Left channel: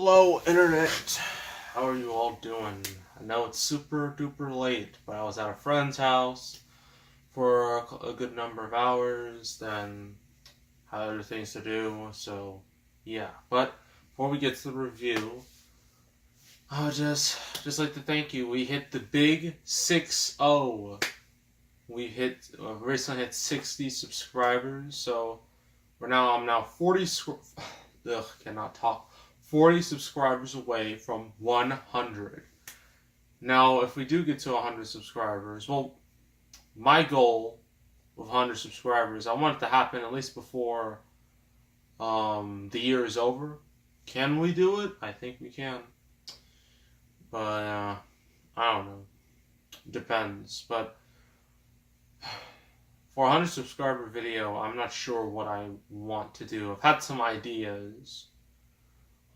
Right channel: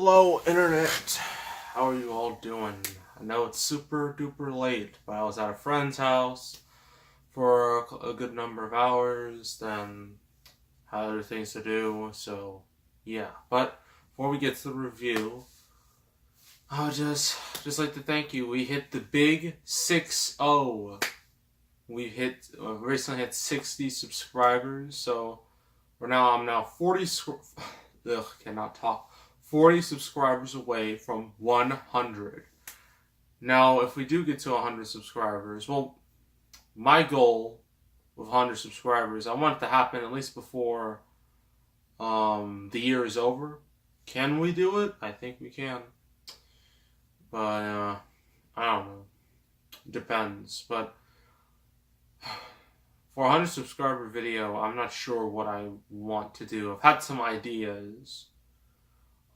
Hello, Internet. How are you all doing? I know it's super duper late, but I was at a friend's house for a good number of hours, then had other things to do, so yeah. But before we get to the review, I would just like to thank you. We hit the big 6-0. We recently hit 60 subscribers, so I'm now 40. Cannot talk. 40 subscribers away from 100. Now, if we do get to 100 subscribers, well, my goal with 100 subscribers, I want it to happen at least before the year is over. Can we do it? I think we can. But, I don't know. Depends. But for a 100 subscriber video, I'm not sure what I want to do. I've had some ideas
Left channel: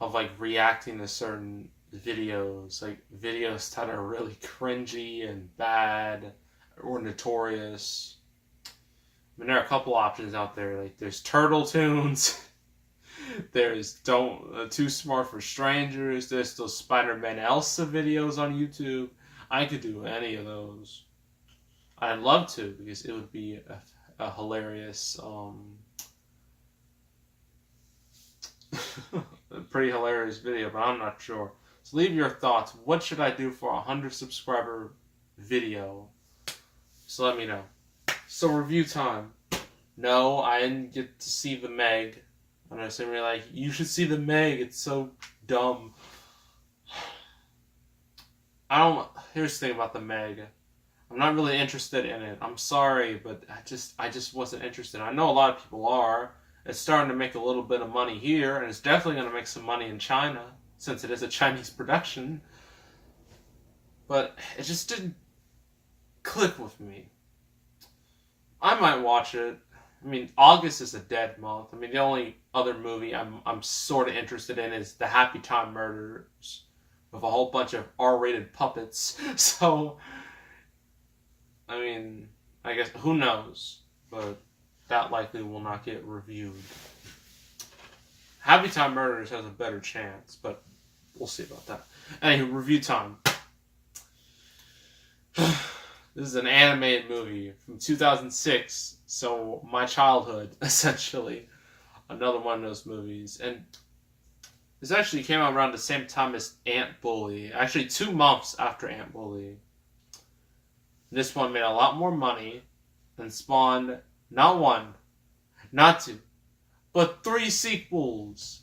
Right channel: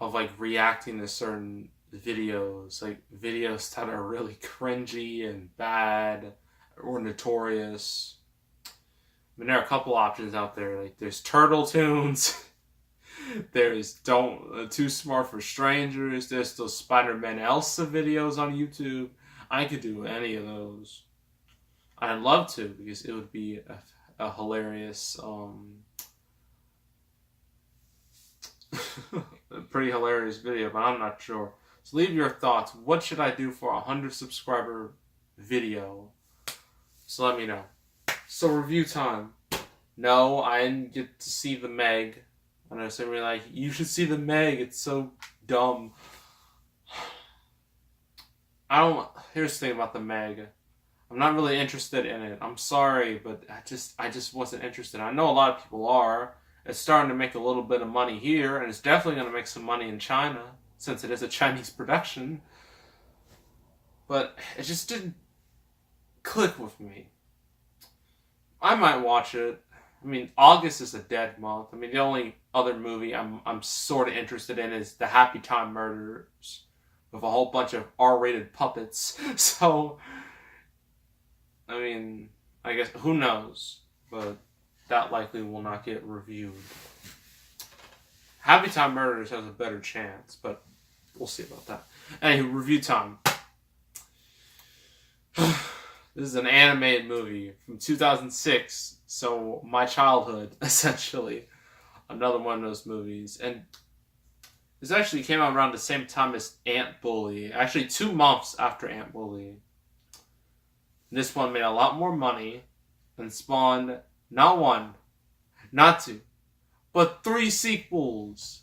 of like reacting to certain videos, like videos that are really cringy and bad or notorious. I mean, there are a couple options out there. Like there's Turtle Tunes, there's Too Smart for Strangers, there's those Spider-Man Elsa videos on YouTube. I could do any of those. I'd love to because it would be a hilarious a pretty hilarious video, but I'm not sure. So leave your thoughts. What should I do for a 100 subscriber video? So let me know. So review time. No, I didn't get to see the Meg. I know some are like, you should see the Meg. It's so dumb. Here's the thing about the Meg. I'm not really interested in it. I'm sorry, but I just wasn't interested. I know a lot of people are. It's starting to make a little bit of money here, and it's definitely going to make some money in China, since it is a Chinese production. But it just didn't click with me. I might watch it. I mean, August is a dead month. I mean, the only other movie I'm sort of interested in is The Happy Time Murders, with a whole bunch of R-rated puppets. So, I mean, I guess, who knows? But that likely will not get reviewed. Happy Time Murders has a better chance, but we'll see about that. Anyway, review time. This is an animated movie from 2006, so my childhood, essentially. Another one of those movies. And this actually came out around the same time as Ant Bully. Actually, 2 months after Ant Bully. This one made a lot more money and spawned not 1, not 2, but 3 sequels.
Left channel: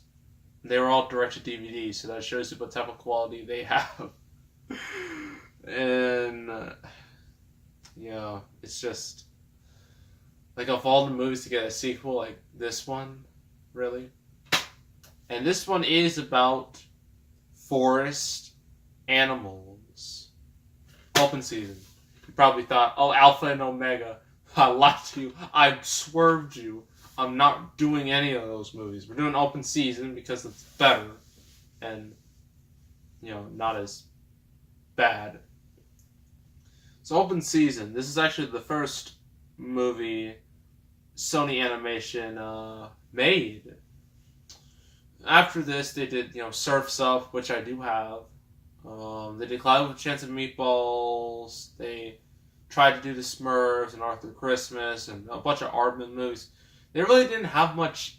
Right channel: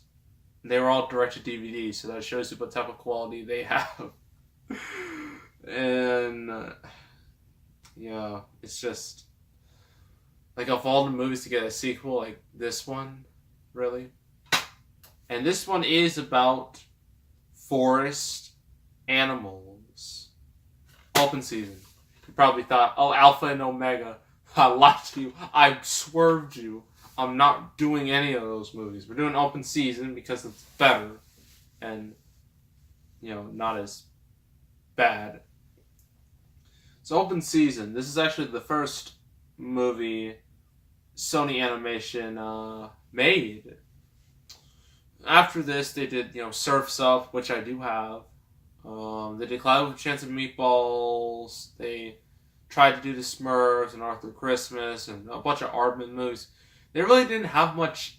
They were all direct-to-DVD, so that shows you what type of quality they have. And, yeah, it's just, like, of all the movies to get a sequel, like, this one, really. And this one is about forest animals. Open season. You probably thought, oh, Alpha and Omega. I lied to you. I swerved you. I'm not doing any of those movies. We're doing open season because it's better and, not as bad. So open season. This is actually the first movie Sony Animation made. After this, they did, Surf's Up, which I do have. They did Cloud with a Chance of Meatballs. They tried to do the Smurfs and Arthur Christmas and a bunch of Aardman movies. They really didn't have much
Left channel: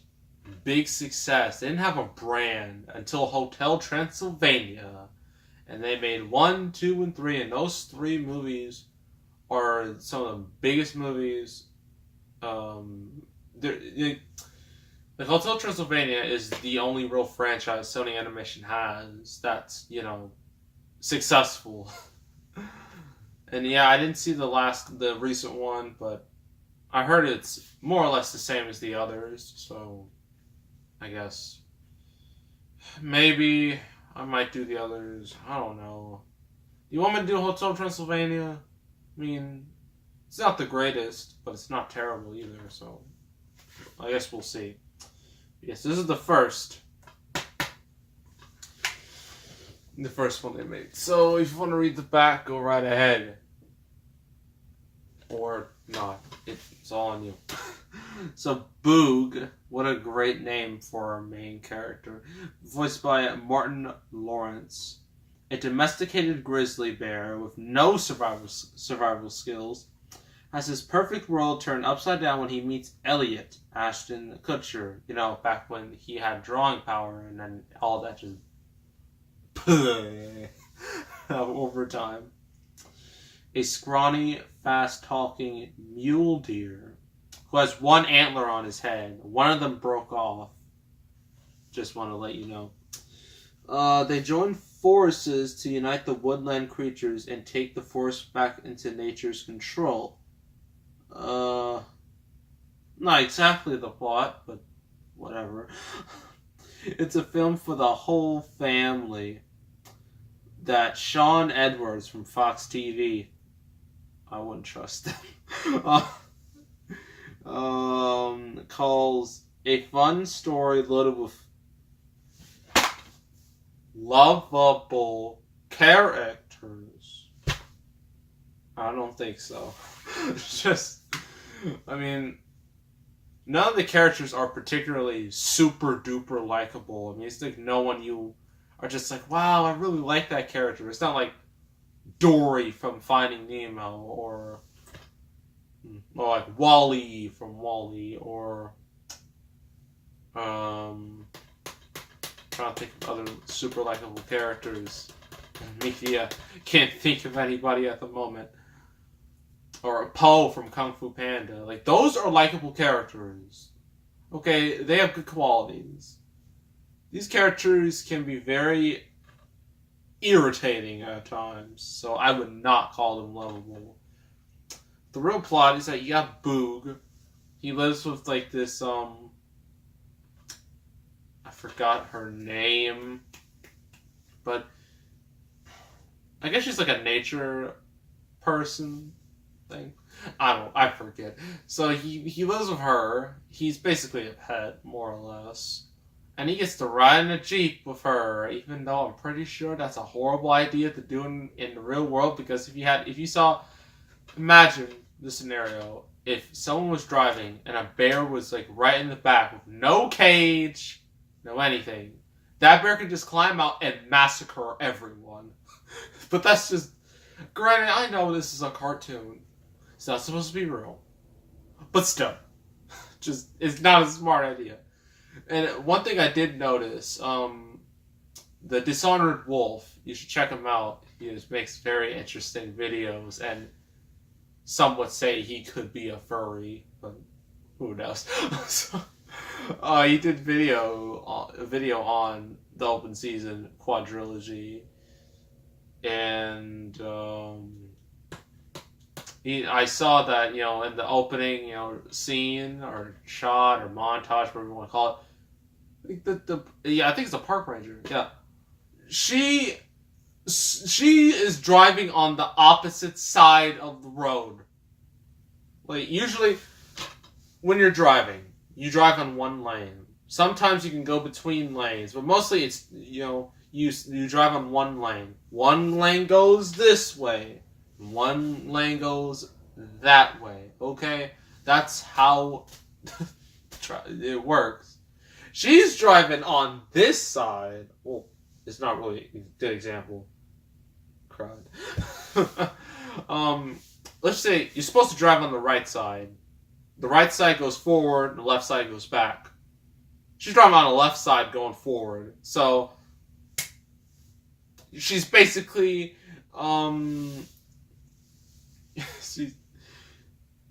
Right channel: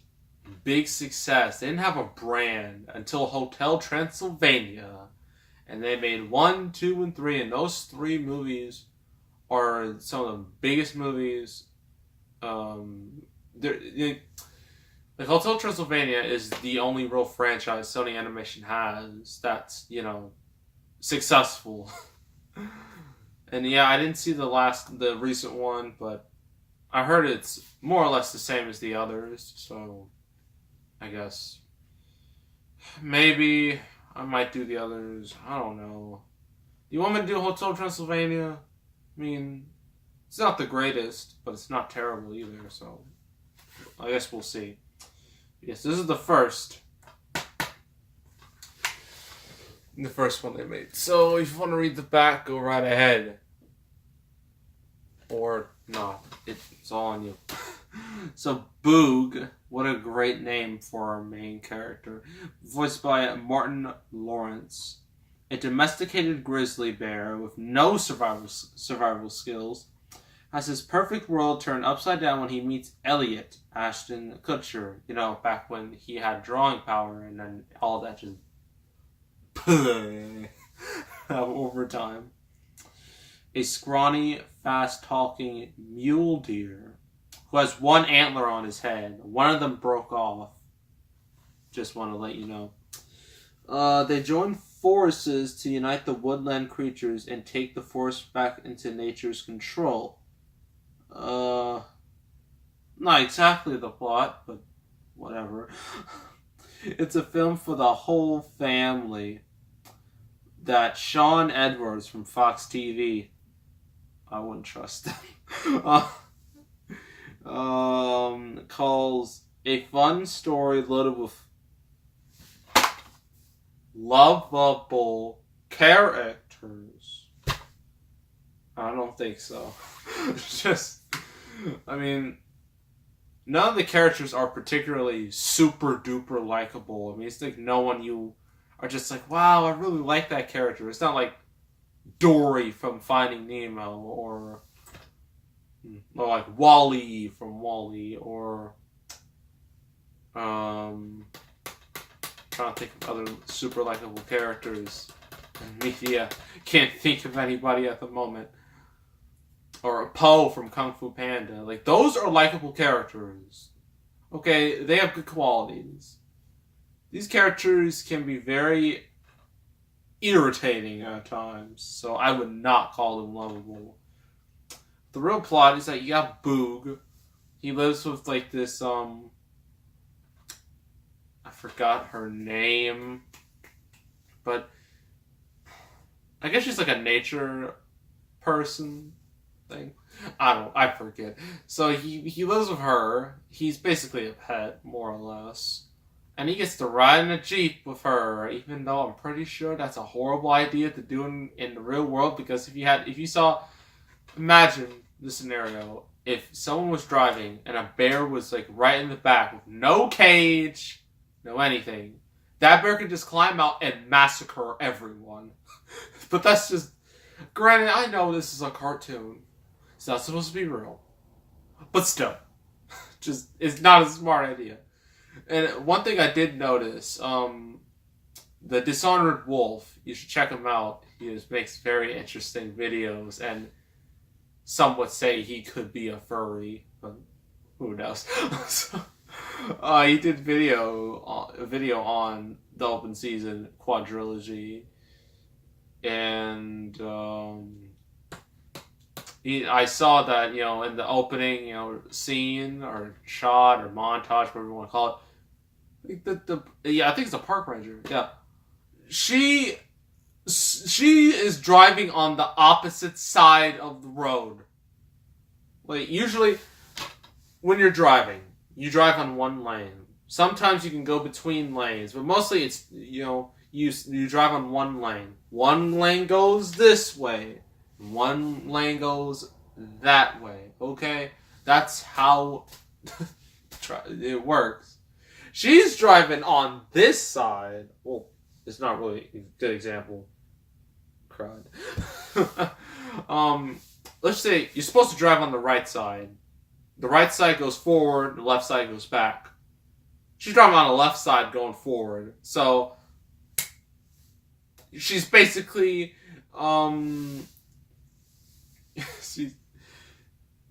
big success. They didn't have a brand until Hotel Transylvania. And they made 1, 2, and 3. And those 3 movies are some of the biggest movies. Like Hotel Transylvania is the only real franchise Sony Animation has that's, successful. And yeah, I didn't see the recent one, but I heard it's more or less the same as the others, so I guess maybe I might do the others. I don't know. You want me to do Hotel Transylvania? I mean, it's not the greatest, but it's not terrible either, so I guess we'll see. Yes, this is the first one they made. So if you want to read the back, go right ahead. Or not. It's all on you. So Boog, what a great name for our main character. Voiced by Martin Lawrence. A domesticated grizzly bear with no survival skills has his perfect world turned upside down when he meets Elliot, Ashton Kutcher. You know, back when he had drawing power and then all that just over time. A scrawny, fast-talking mule deer who has one antler on his head. One of them broke off. Just want to let you know. They join forces to unite the woodland creatures and take the forest back into nature's control. Not exactly the plot, but whatever. It's a film for the whole family that Sean Edwards from Fox TV, I wouldn't trust them, calls a fun story loaded with lovable characters. I don't think so. It's just, I mean, none of the characters are particularly super duper likable. I mean, it's like no one you are just like, wow, I really like that character. It's not like Dory from Finding Nemo or like Wally from Wally or trying to think of other super likable characters in media. Can't think of anybody at the moment. Or Po from Kung Fu Panda. Like, those are likable characters. Okay, they have good qualities. These characters can be very irritating at times, so I would not call them lovable. The real plot is that you got Boog. He lives with, like, this, I forgot her name, but I guess she's like a nature person thing. I forget. So he lives with her. He's basically a pet, more or less. And he gets to ride in a Jeep with her, even though I'm pretty sure that's a horrible idea to do in the real world, because imagine the scenario, if someone was driving and a bear was like right in the back with no cage, no anything, that bear could just climb out and massacre everyone. But that's just, granted, I know this is a cartoon. It's not supposed to be real. But still, just, it's not a smart idea. And one thing I did notice, the Dishonored Wolf, you should check him out. He just makes very interesting videos, and some would say he could be a furry, but who knows? So, he did a video on the open season quadrilogy, and I saw that, in the opening, scene or shot or montage, whatever you want to call it. I think it's a park ranger. Yeah, she is driving on the opposite side of the road. Like, usually, when you're driving, you drive on one lane. Sometimes you can go between lanes, but mostly it's you drive on one lane. One lane goes this way. One lane goes that way, okay? That's how it works. She's driving on this side. Well, it's not really a good example. Cried. Let's say you're supposed to drive on the right side. The right side goes forward, the left side goes back. She's driving on the left side going forward. So, she's basically,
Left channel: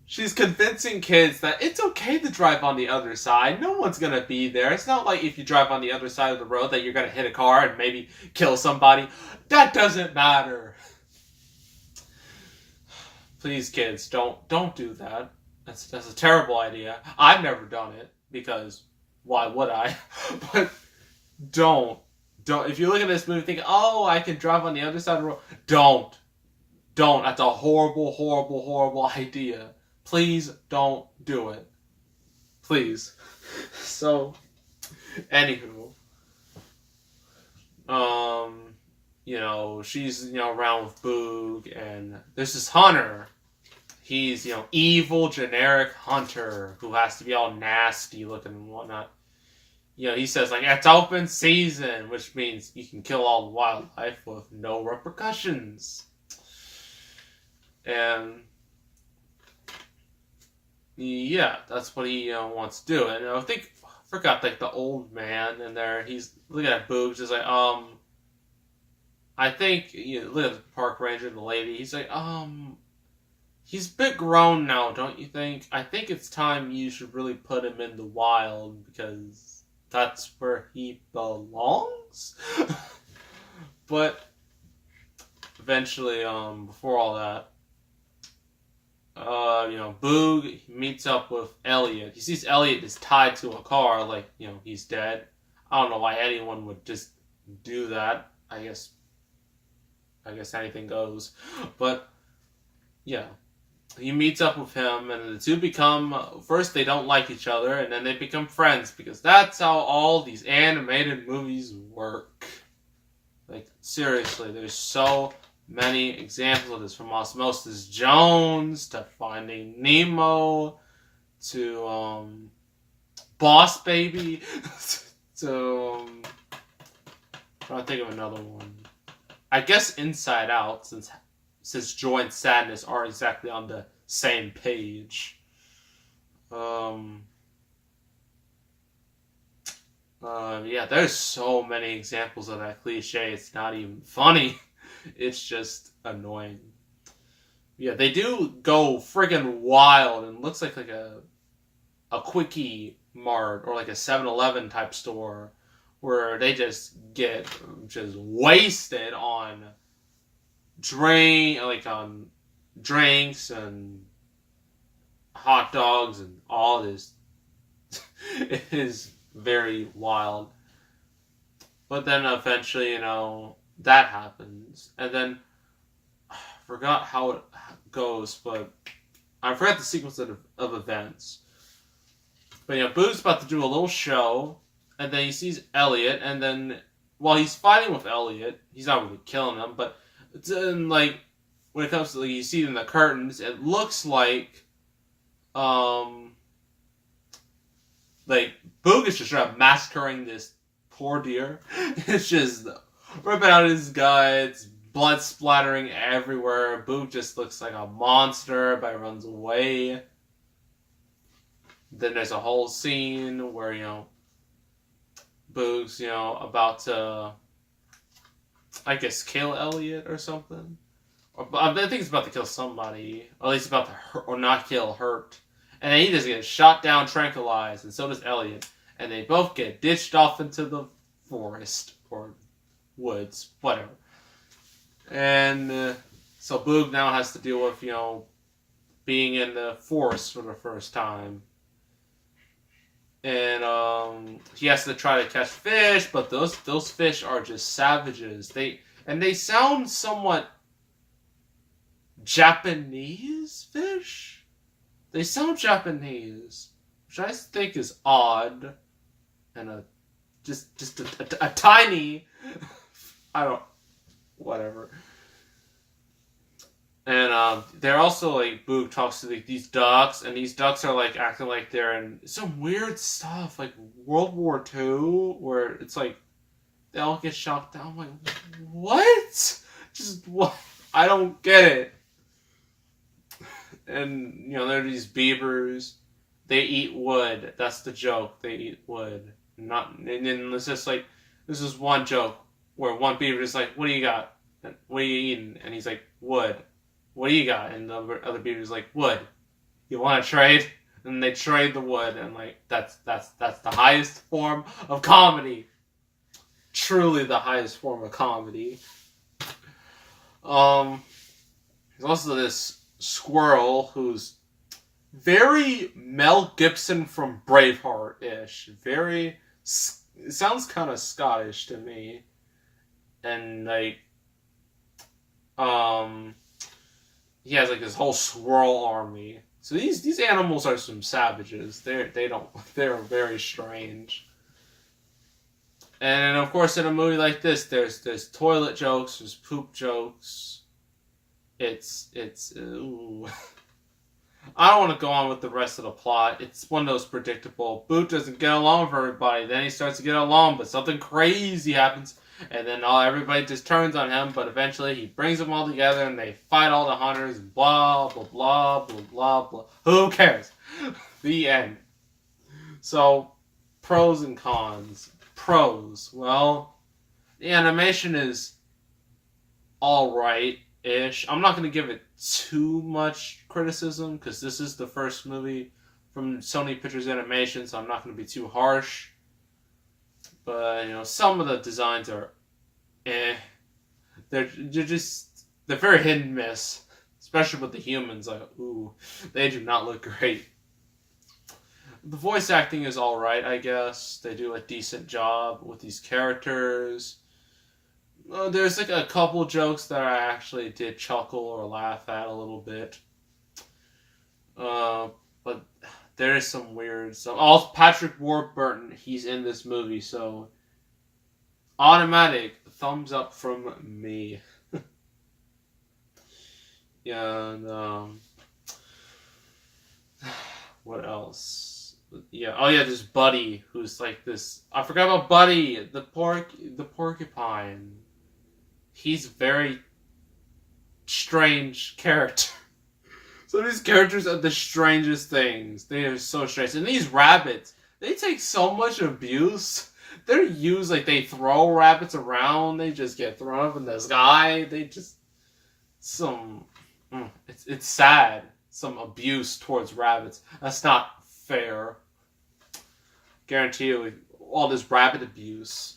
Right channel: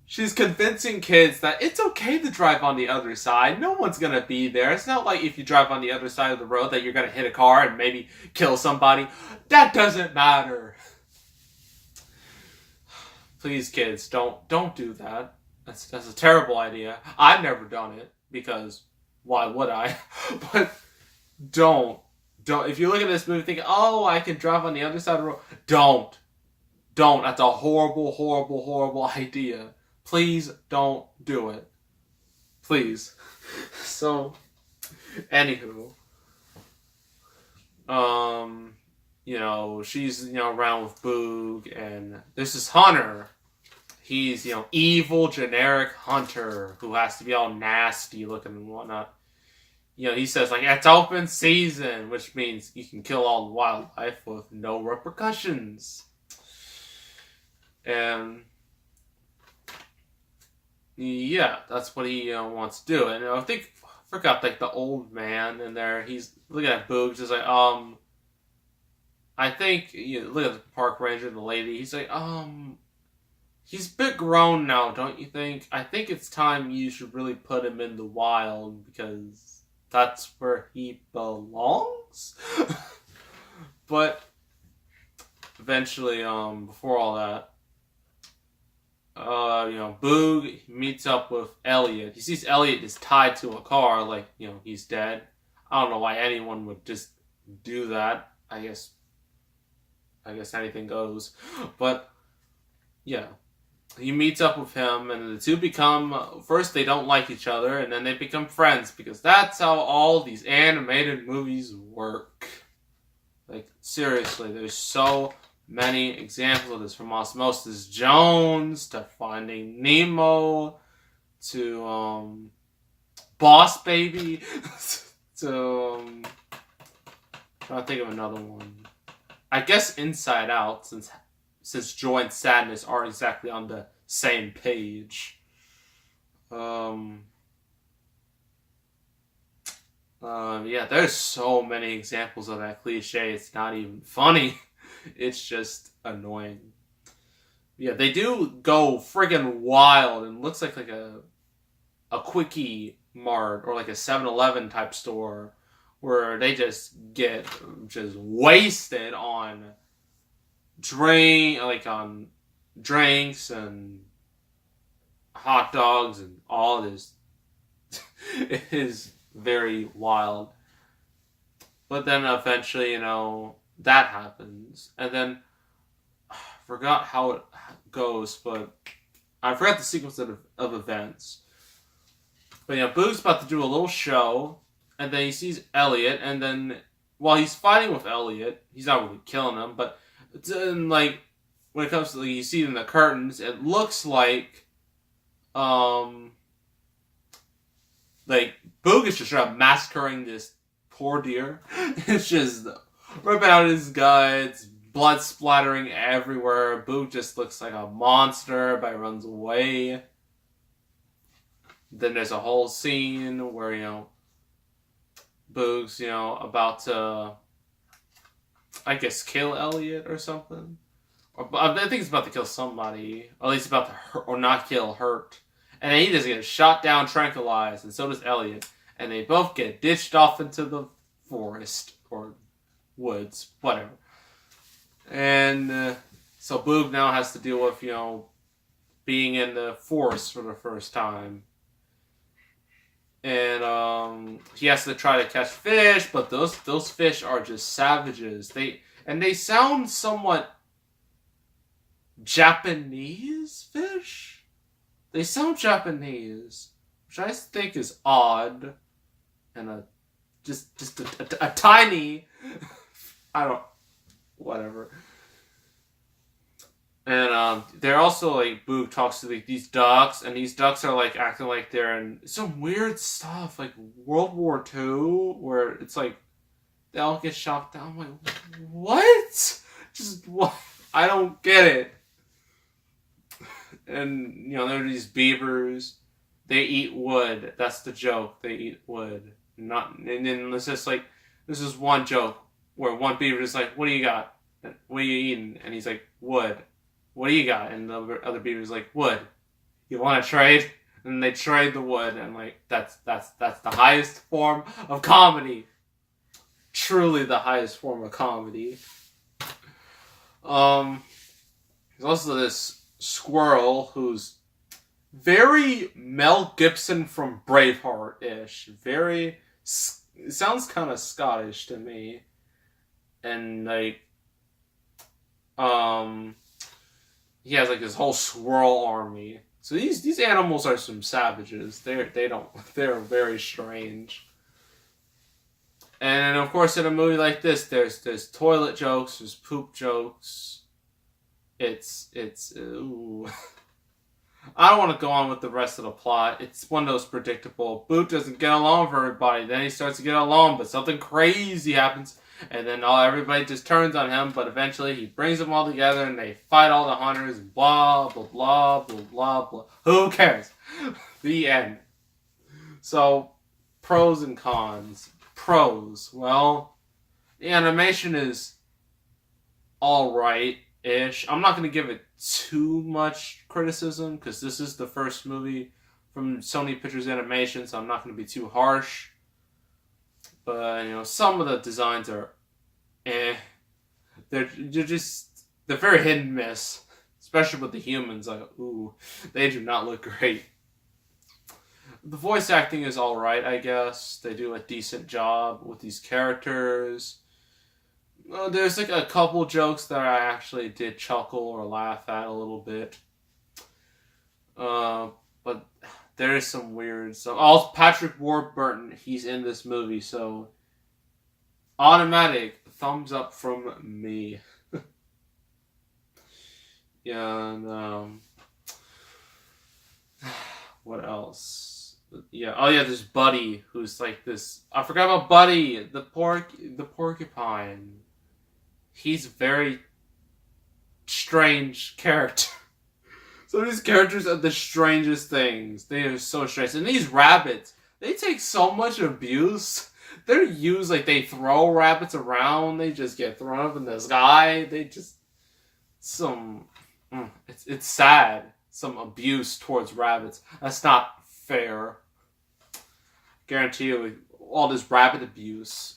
she's convincing kids that it's okay to drive on the other side. No one's gonna be there. It's not like if you drive on the other side of the road that you're gonna hit a car and maybe kill somebody. That doesn't matter. Please, kids, don't do that. That's a terrible idea. I've never done it, because why would I? But don't. If you look at this movie thinking, oh, I can drive on the other side of the road, don't. That's a horrible, horrible, horrible idea. Please don't do it. Please. So, anywho, she's, around with Boog, and there's this hunter. he's, evil, generic hunter who has to be all nasty looking and whatnot. He says, like, it's open season, which means you can kill all the wildlife with no repercussions. And, yeah, that's what he wants to do. And I forgot, like, the old man in there, he's looking at Boogs, he's like, I think, look at the park ranger and the lady, he's like, he's a bit grown now, don't you think? I think it's time you should really put him in the wild, because that's where he belongs. But eventually, before all that, Boog meets up with Elliot. He sees Elliot is tied to a car, like, he's dead. I don't know why anyone would just do that. I guess anything goes. But, yeah. He meets up with him, and the two become, first they don't like each other, and then they become friends, because that's how all these animated movies work. Like, seriously, there's so many examples of this, from Osmosis Jones, to Finding Nemo, to, Boss Baby, to, trying to think of another one. I guess Inside Out, since joy and sadness aren't exactly on the same page. Yeah, there's so many examples of that cliche, it's not even funny. It's just annoying. Yeah, they do go friggin' wild, and looks like a Quickie Mart, or like a 7-Eleven type store, where they just get wasted on drinks and hot dogs and all this. It is very wild. But then eventually, that happens. And then, I forgot how it goes, but I forgot the sequence of events. But, Boog's about to do a little show, and then he sees Elliot, and then, while he's fighting with Elliot, he's not really killing him, but then, like, when it comes to, like, you see in the curtains, it looks like, Boog is just massacring this poor deer. It's just ripping out his guts, blood splattering everywhere. Boog just looks like a monster, but he runs away. Then there's a whole scene where, Boog's, about to, I guess, kill Elliot or something. I think he's about to kill somebody. Or at least about to hurt, or not kill, hurt. And then he just gets shot down, tranquilized, and so does Elliot. And they both get ditched off into the forest, or woods, whatever. And so Boog now has to deal with, being in the forest for the first time. And he has to try to catch fish, but those fish are just savages. They sound somewhat Japanese fish. They sound Japanese, which I think is odd, and just a tiny, whatever. And they're also, like, Boog talks to these ducks, and these ducks are, like, acting like they're in some weird stuff, like World War II, where it's like they all get shot down. I'm like, what? Just what? I don't get it. And, there are these beavers. They eat wood. That's the joke. They eat wood. And then it's just like, this is one joke where one beaver is like, what do you got? What are you eating? And he's like, wood. What do you got? And the other beaver's like, wood. You want to trade? And they trade the wood, and, like, that's the highest form of comedy. Truly the highest form of comedy. There's also this squirrel who's very Mel Gibson from Braveheart-ish. It sounds kind of Scottish to me. And, like, he has, like, this whole squirrel army. So these animals are some savages. They're very strange. And of course, in a movie like this, there's toilet jokes, there's poop jokes. Ooh. I don't want to go on with the rest of the plot. It's one of those predictable. Boot doesn't get along with everybody. Then he starts to get along, but something crazy happens, and then everybody just turns on him. But eventually, he brings them all together, and they fight all the hunters. Blah blah blah blah blah blah. Who cares? The end. So, pros and cons. Pros. Well, the animation is alright-ish. I'm not going to give it too much criticism because this is the first movie from Sony Pictures Animation, so I'm not going to be too harsh. But, some of the designs are They're very hit and miss. Especially with the humans. Like, ooh, they do not look great. The voice acting is alright, I guess. They do a decent job with these characters. There's like a couple jokes that I actually did chuckle or laugh at a little bit. But there is some weird stuff. Also, Patrick Warburton, he's in this movie, so automatic thumbs up from me. Yeah, and what else? Yeah, oh yeah, there's Buddy, who's like this. I forgot about Buddy, the porcupine. He's a very strange character. Some of these characters are the strangest things. They are so strange. And these rabbits, they take so much abuse. They're used like they throw rabbits around. They just get thrown up in the sky. They just it's sad. Some abuse towards rabbits. That's not fair. Guarantee you, all this rabbit abuse.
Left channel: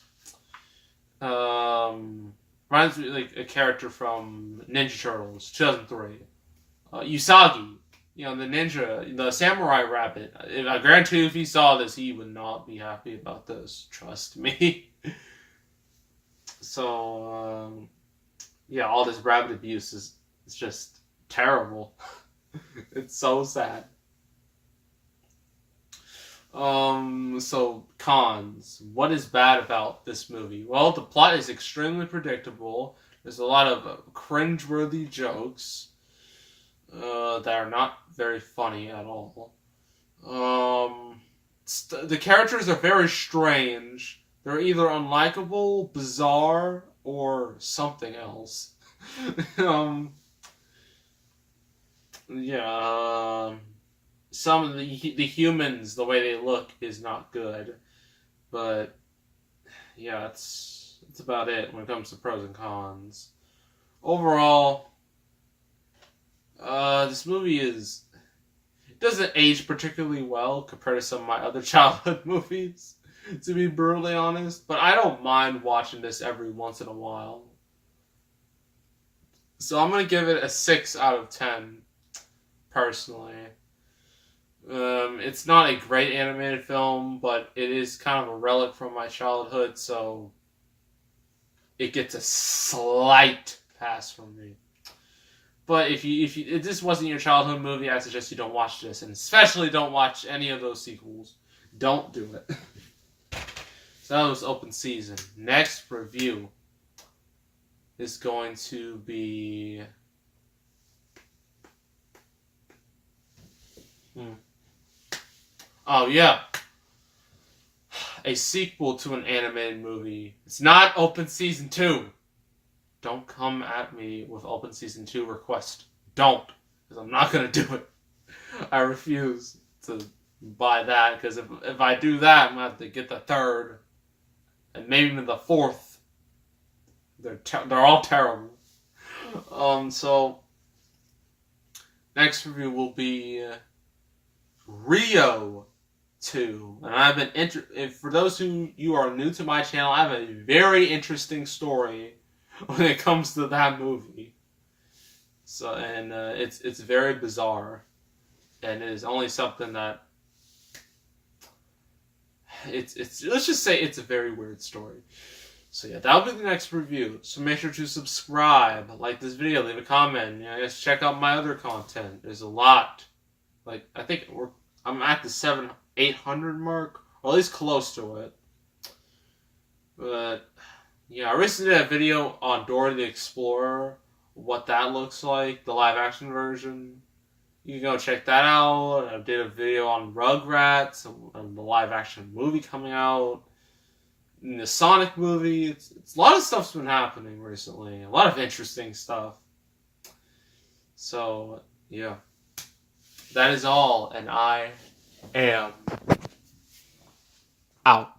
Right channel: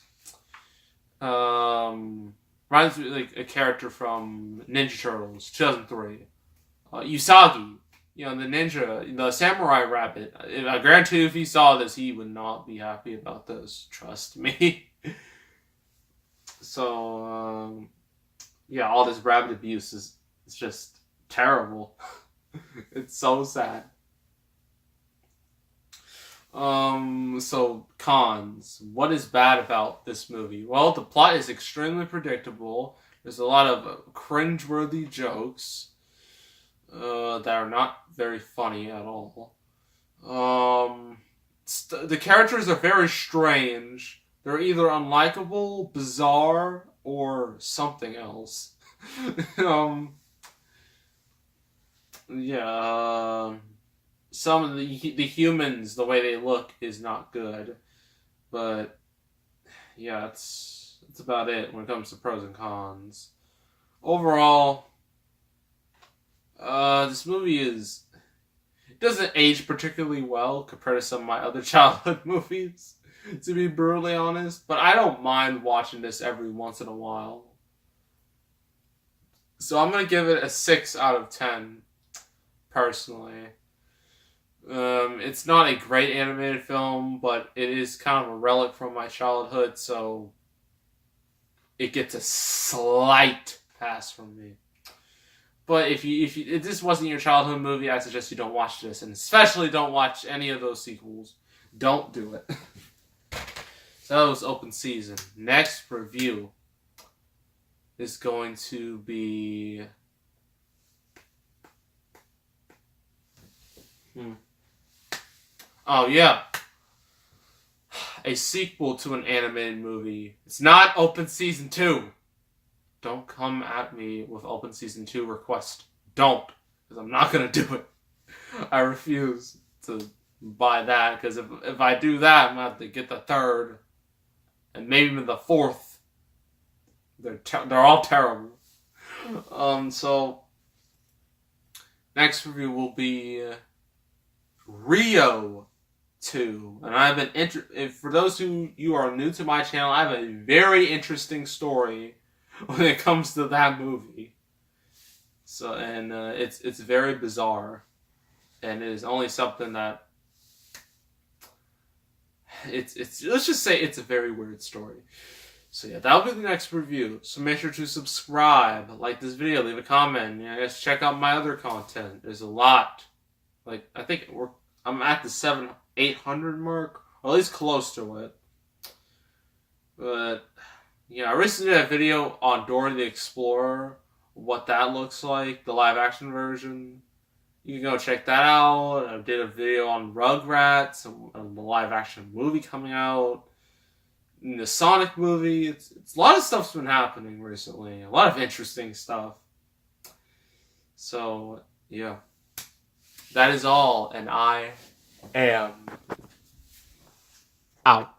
Reminds me like a character from Ninja Turtles, 2003. Usagi, the ninja, the samurai rabbit. I guarantee you if he saw this, he would not be happy about this. Trust me. So, all this rabbit abuse is just terrible. It's so sad. So cons. What is bad about this movie? Well, the plot is extremely predictable. There's a lot of cringeworthy jokes that are not very funny at all. The characters are very strange. They're either unlikable, bizarre, or something else. Some of the humans, the way they look is not good, but it's about it when it comes to pros and cons. Overall, this movie doesn't age particularly well compared to some of my other childhood movies, to be brutally honest, but I don't mind watching this every once in a while. So I'm going to give it a 6 out of 10, personally. It's not a great animated film, but it is kind of a relic from my childhood, so it gets a slight pass from me. But if this wasn't your childhood movie, I suggest you don't watch this, and especially don't watch any of those sequels. Don't do it. So that was Open Season. Next review is going to be oh yeah, a sequel to an animated movie. It's not Open Season 2. Don't come at me with Open Season 2 request. Don't, because I'm not going to do it. I refuse to buy that, because if I do that, I'm going to have to get the third, and maybe even the fourth. They're all terrible. So, next review will be Rio 2. And I've been for those who you are new to my channel, I have a very interesting story when it comes to that movie. So, and it's very bizarre, and it is only something that it's let's just say it's a very weird story. So that'll be the next review. So make sure to subscribe, like this video, leave a comment. I guess check out my other content. There's a lot. Like I think I'm at the 800 mark, or at least close to it. But I recently did a video on Dora the Explorer, what that looks like, the live action version. You can go check that out. I did a video on Rugrats, a live action movie coming out. In the Sonic movie, it's a lot of stuff's been happening recently. A lot of interesting stuff. So, yeah. That is all, and I am out.